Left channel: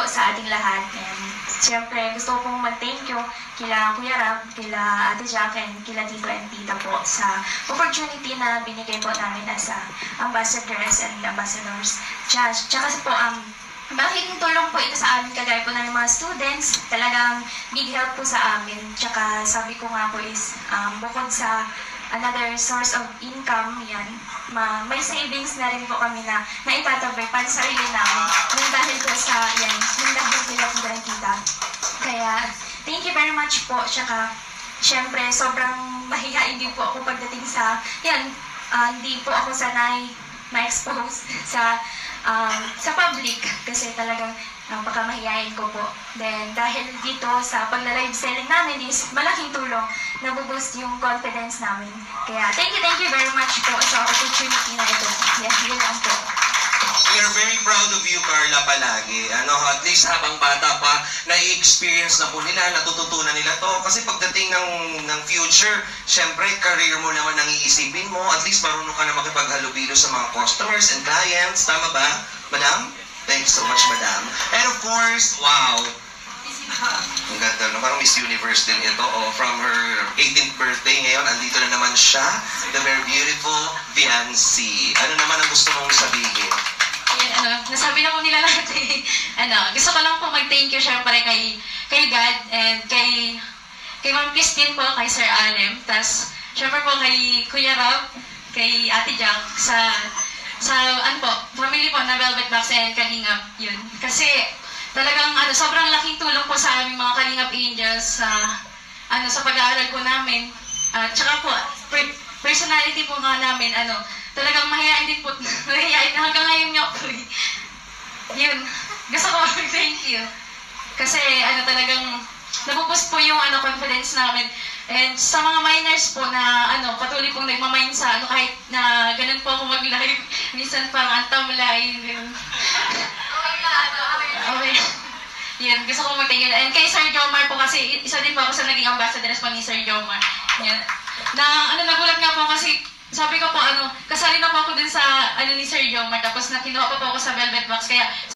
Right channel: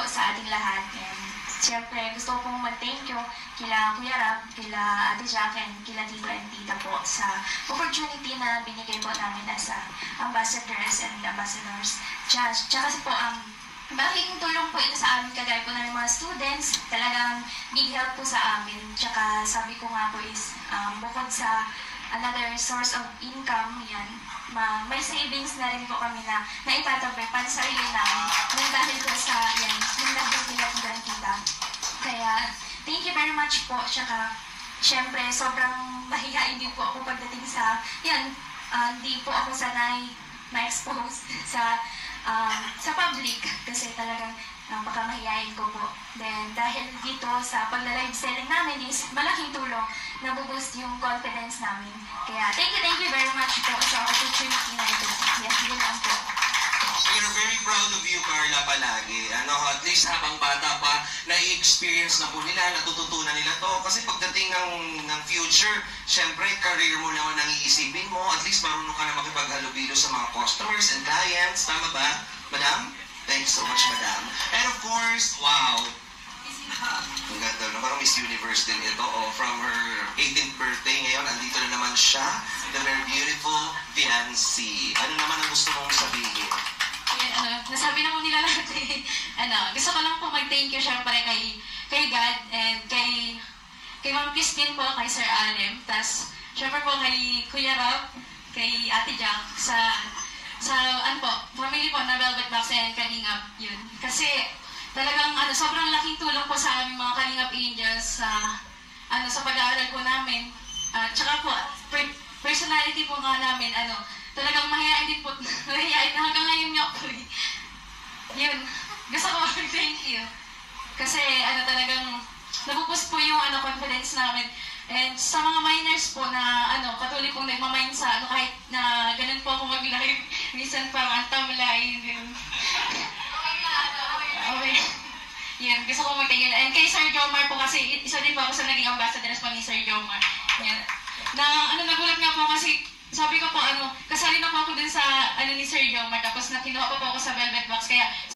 po sa ating lahat. And siyempre, gusto ko pong mag-thank you kila Kuya Rab, kila Ate Jack, and kila Tito and Tita po sa opportunity na binigay po namin as ambassadors and ambassadors. Tsaka po, malaking tulong po ito sa amin, kagaya po ng mga students, talagang big help po sa amin. Tsaka sabi ko nga po is, bukod sa another source of income, yan, may savings na rin po kami na naitatabay para sa sarili namin. Yung dahil po sa, yan, yung dahil nila po ng tita. Kaya, thank you very much po. Tsaka, syempre, sobrang mahihain din po ako pagdating sa, yan, hindi po ako sanay ma-expose sa public kasi talagang napakamahiyain ko po. Then, dahil dito sa pagla-live selling namin is malaking tulong na boost yung confidence namin. Kaya, thank you very much po sa opportunity na ito. Yes, yun lang po. We are very proud of you, Carla, palagi. At least habang bata pa, na-experience na po nila, natututunan nila to. Kasi pagdating ng future, syempre, career mo naman ang iisipin mo. At least marunong ka na makipaghalubilo sa mga customers and clients. Tama ba, Madam? Thanks so much, Madam. And of course, wow. Ang ganda, no? Parang Miss Universe din ito. From her 18th birthday ngayon, andito na naman siya. The very beautiful Viancy. Ano naman ang gusto mong sabihin? Nasabi na po nila lahat eh. Gusto ko lang po mag-thank you syempre kay God and kay Ma'am Christine po, kay Sir Alem. Tapos, syempre po kay Kuya Rob, kay Ate Jack, sa family po na Velvet Box and Kalingap, yun. Kasi, talagang, sobrang laking tulong po sa aming mga Kalingap Angels sa pag-aaral po namin. Tsaka po, personality po nga namin, talagang mahihain din po, mahihain na hanggang ngayon niyo po. Yun, gusto ko thank you. Kasi, talagang, nabuboost po yung, confidence namin. And sa mga minors po na patuloy pong nagmamine sa kahit na ganun po ako mag-live, minsan parang antamlay. Okay. Yan, gusto ko mag-thank you. And kay Sir Jomar po kasi, isa din po ako sa naging ambassadors po ni Sir Jomar. Yan. Nagulat nga po kasi, sabi ko po, kasali na po ako din sa, ni Sir Jomar, tapos nakinuha pa po ako sa Velvet Box, kaya,